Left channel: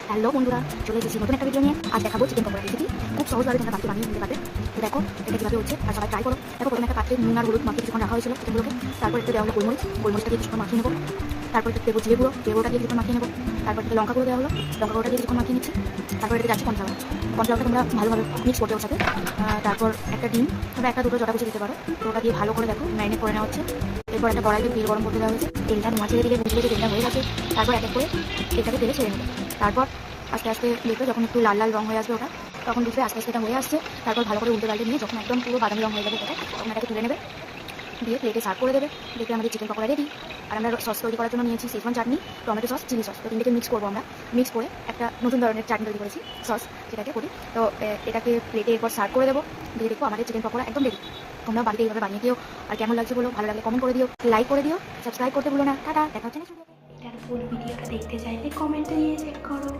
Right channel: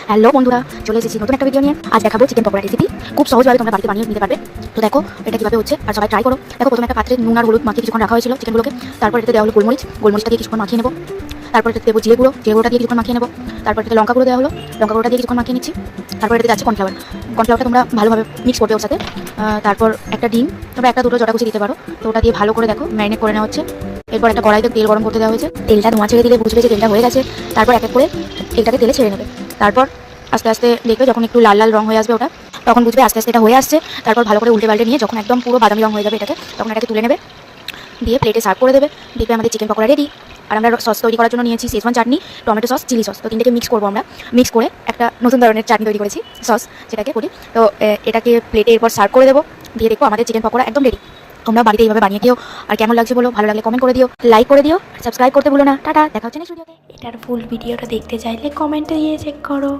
Hello বন্ধুরা, চলে এসেছি নতুন একটা ভিডিও নিয়ে। আজ দেখাবো চিকেন পকোড়া রেসিপি। খুব সহজভাবে তোমরা বাড়িতে বানিয়ে নিতে পারবে। তো দেখো এটা কীভাবে হচ্ছে আর সবাই ট্রাই করো। দেখো প্রথমে একটা পাত্রে নুন আর হলুদ মাখিয়ে কিছুক্ষণ রাখা হয়েছিল চিকেনগুলোকে। তারপর এতে দেওয়া হলো গোলমরিচটা দিয়ে কিছুক্ষণ মাখিয়ে নেবো। তারপর এতে দেবো জিরে গুঁড়োটা দিয়ে কিছুক্ষণ মাখিয়ে নেবো। তারপর এতে লঙ্কা গুঁড়ো দেওয়া হলো, লঙ্কা গুঁড়োটা দিয়ে কিছুক্ষণ মাখিয়ে নিচ্ছি। তারপর এতে যাচ্ছে কর্নফ্লাওয়ারটা তোমরা ভালোভাবে মিক্স করবে ওর সাথে। তারপর একটা ডিম তোমরা একটা দুটো জটা কুচি দিতে পারো। তো ওটা দিয়ে ভালো করে দেখো ম্যারিনেট করে নেওয়া হচ্ছে। এরপর একটা কড়াইতে তেল গরম করতে দেওয়া হয়েছে। তেলটা ধোঁয়া ছেড়ে দিলে বুঝবে যে তেলটা হয়ে গেছে। তারপর এক এক করে তেলটাকে তেলে ছেড়ে নেবে। তারপর আস্তে আস্তে দেখবে যখন একটু লাল লাল রং হয়ে আসবে ওটা, তখন বুঝবে আস্তে আস্তে এটা হয়ে আসছে। তারপর ভালো করে উল্টে পাল্টে নিয়ে যখন একদম পুরো বাদামি রং হয়ে যাবে এটাকে, তখন এটাকে তুলে নেবে, দিয়ে প্লেটে সার্ভ করে দেবে। দেখবে আমাদের চিকেন পকোড়া রেডি। আর আমরা সস তৈরি করার জন্য নিয়েছি শেজওয়ান চাটনি, টমেটো সস, চিলি সস। তো তিনটাকে মিক্স করবো আমরা। মিক্স করে একটা নতুন ধরনের চাটনি তৈরি করেছি, সস যেটাকে বলি। তো এটাকে প্লেটে এরপর সার্ভ করে দেবো। দিয়ে দেখো আমাদের চিকেন পকোড়া একদম রেডি। তোমরা বাড়িতে এইভাবে বানিয়ে খেও। আর কেমন লাগছে বলো, ভালো লাগলে কমেন্ট করে দিও, লাইক করে দিও, সাবস্ক্রাইব করতে ভুলো না। টাটা, দেখা হচ্ছে নেক্সট ভিডিওতে। এটার ফুল ভিডিওটা দেখতে চাইলে কমেন্টে গিয়ে চেক করো।